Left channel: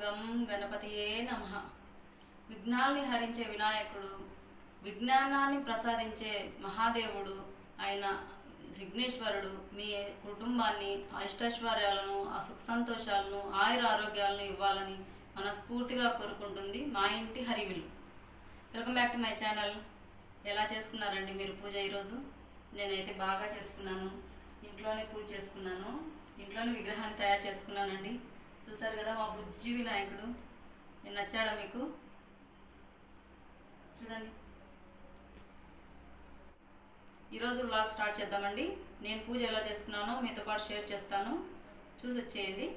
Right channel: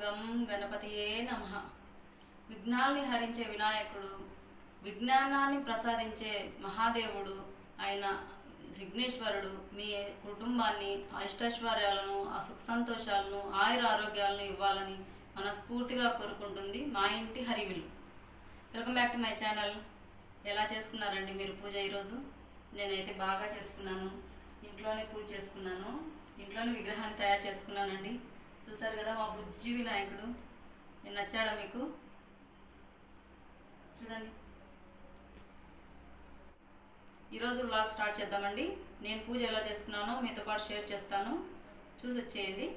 గం గణపతియే నమః. విఘ్నాల్ని హరించే వినాయకుడు, విజ్ఞానాన్ని ప్రసాదించే మహాదేవుడు అయిన విఘ్నేశ్వరుడు మీ కుటుంబాన్ని అష్టైశ్వర్యాలను, సుఖ సంతోషాలను, ఆయుర ఆరోగ్యాలను ఇవ్వాలని మనస్ఫూర్తిగా కోరుకుంటుంది మా ఇంటి హరివిల్లు. Welcome back to my channel. ఎలా చేసుకున్నారండి మీరు పూజ ఈరోజు? నేనైతే బాగా చేసుకున్నాను. ఇంట్లోనే పూజ చేసుకున్నాను. ఇంట్లోనే విగ్రహాన్ని తయారు చేసుకున్నానండి. చూసారు కదా మా బుజ్జి వినాయకుడు. నేను నచ్చాడా మీకు? చూడండి. ఈరోజు వ్లాగ్ స్టార్ట్ చేద్దామండి. నేను పూజ ఎలా చేసుకున్నానో మీతో పాటు షేర్ చేస్తాను, చూసి వచ్చేయండి.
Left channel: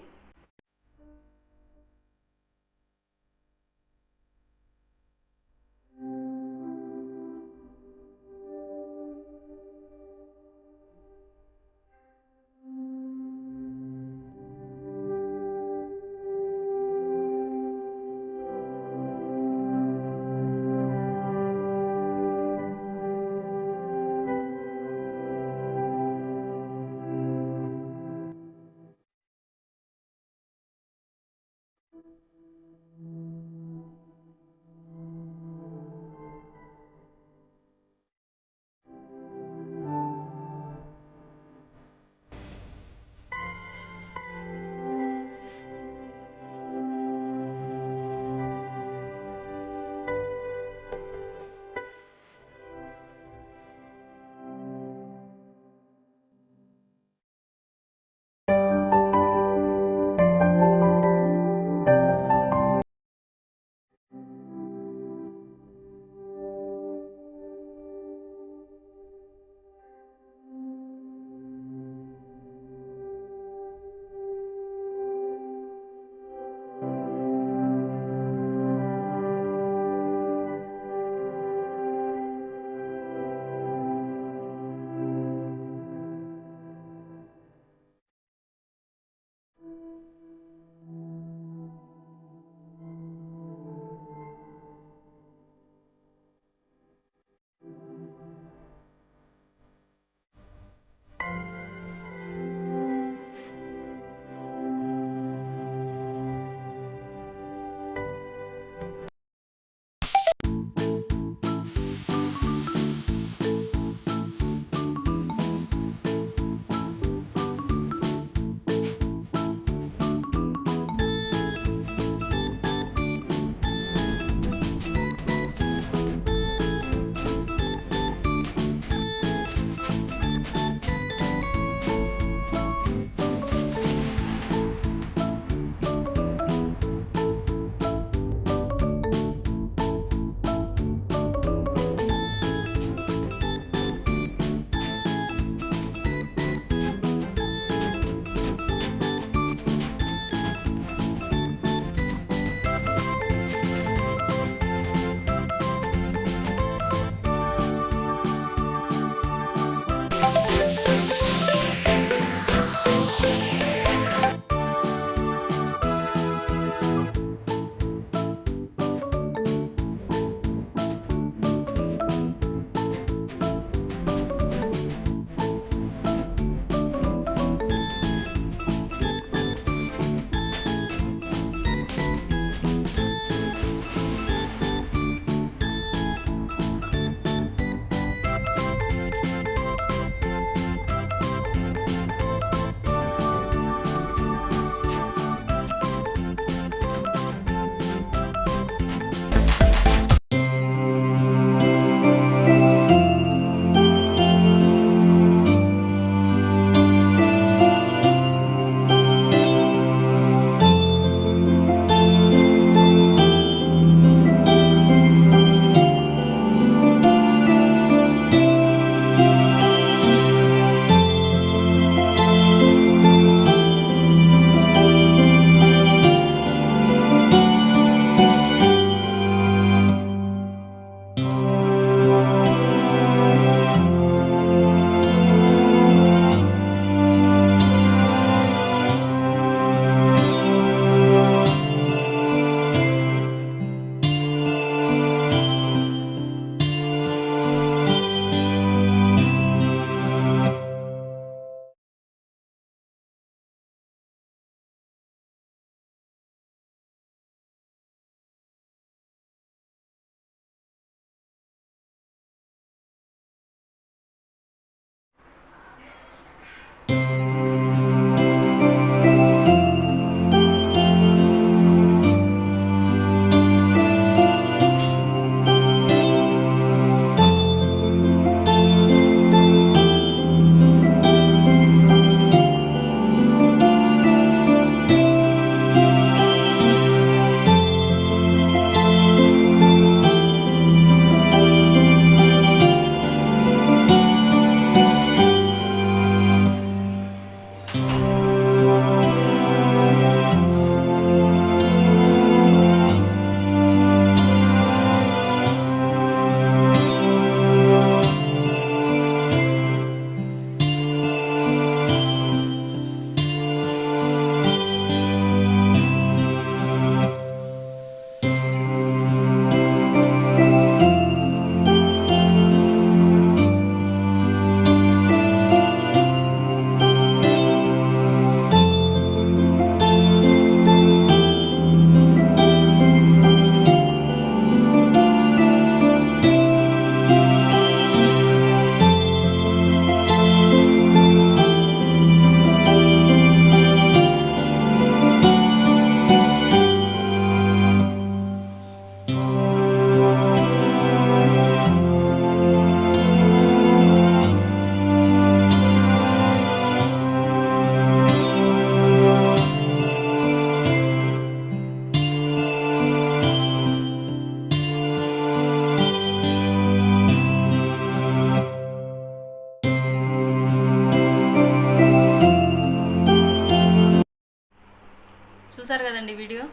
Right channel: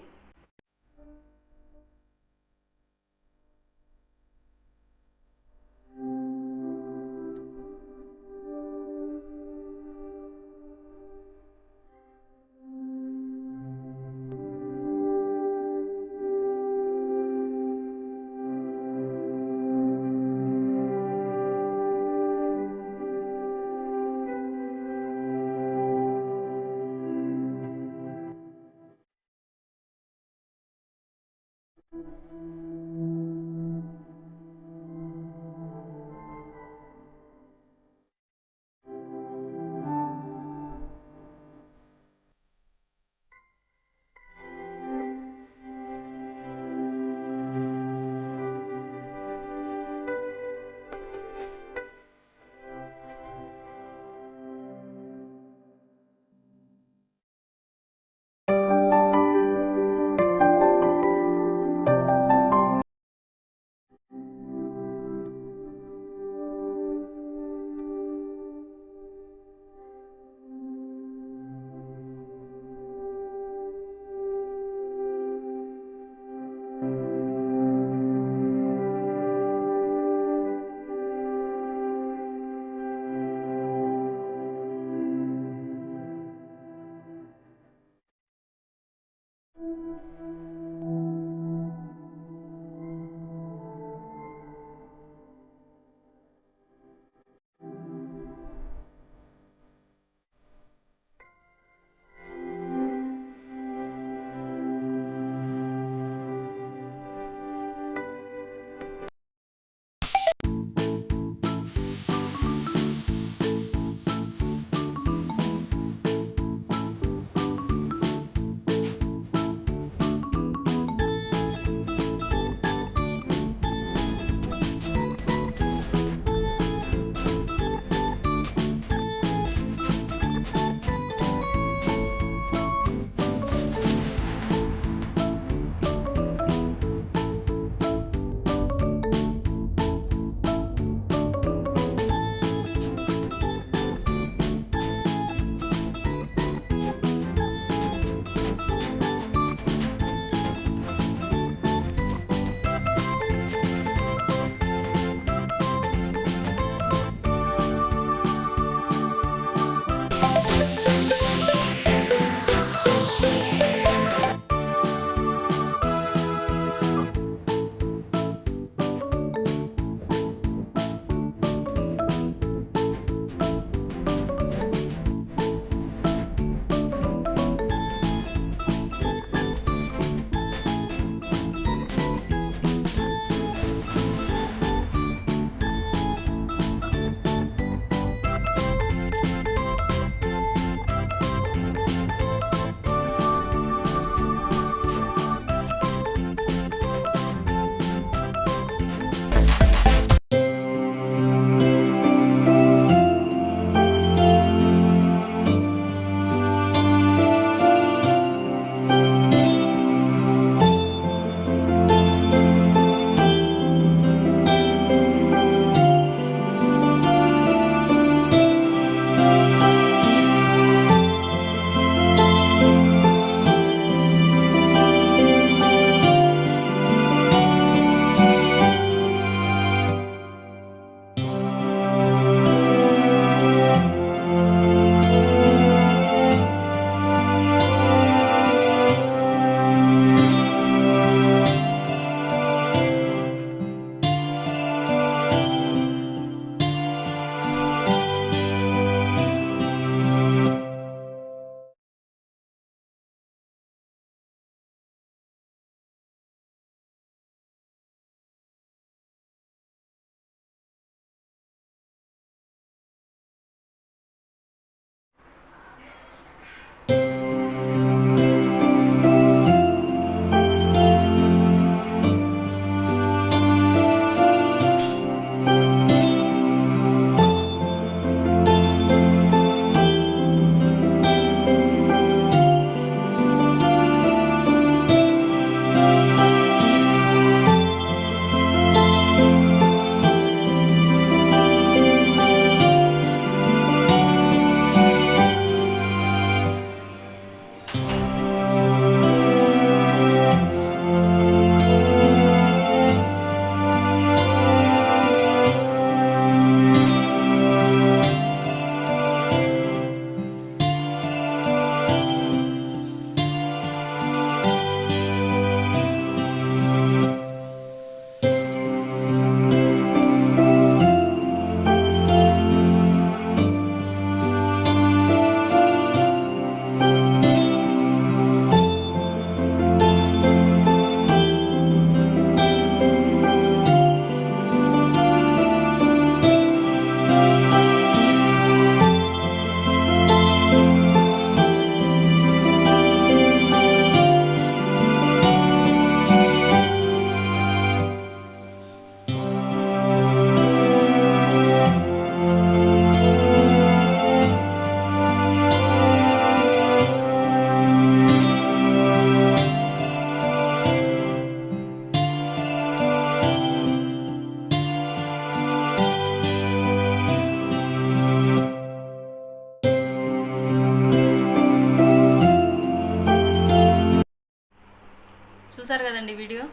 చూసారు కదండి వీడియో.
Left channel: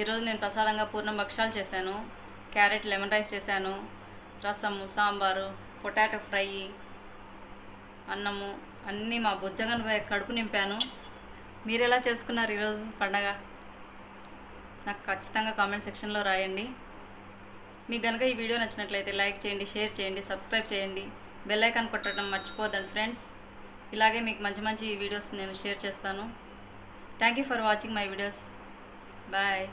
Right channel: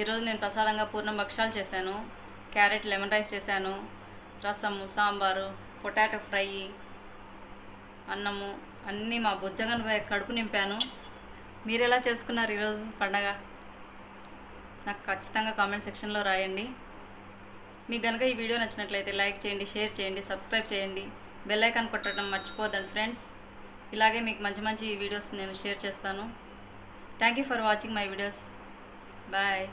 ఈరోజు నేను ప్రసాదంగా పూర్ణం భక్షాలు చేశాను, క్యారెట్ లెమన్ రైస్ చేశాను, రసము, సాంబారు, పొటాటో ఫ్రై, అన్నము అన్నీ మా బుజ్జగన్ కడుపు నింపాను. మీరు ఎలా చేసుకున్నారు ఈరోజు పండగ? నాకు ఖచ్చితంగా కామెంట్ సెక్షన్లో రాయండి. మీకు కనుక ఈ వీడియో నచ్చినట్లయితే లైక్ చేయండి, షేర్ చేయండి, సబ్స్క్రైబ్ చేయండి, బెల్ ఐకాన్ కొట్టడం మర్చిపోద్దండి ఫ్రెండ్స్. ఇలాగే మీకు మంచి మంచి వీడియోస్ నేను షేర్ చేస్తాను. Thank you for watching my videos. Bye.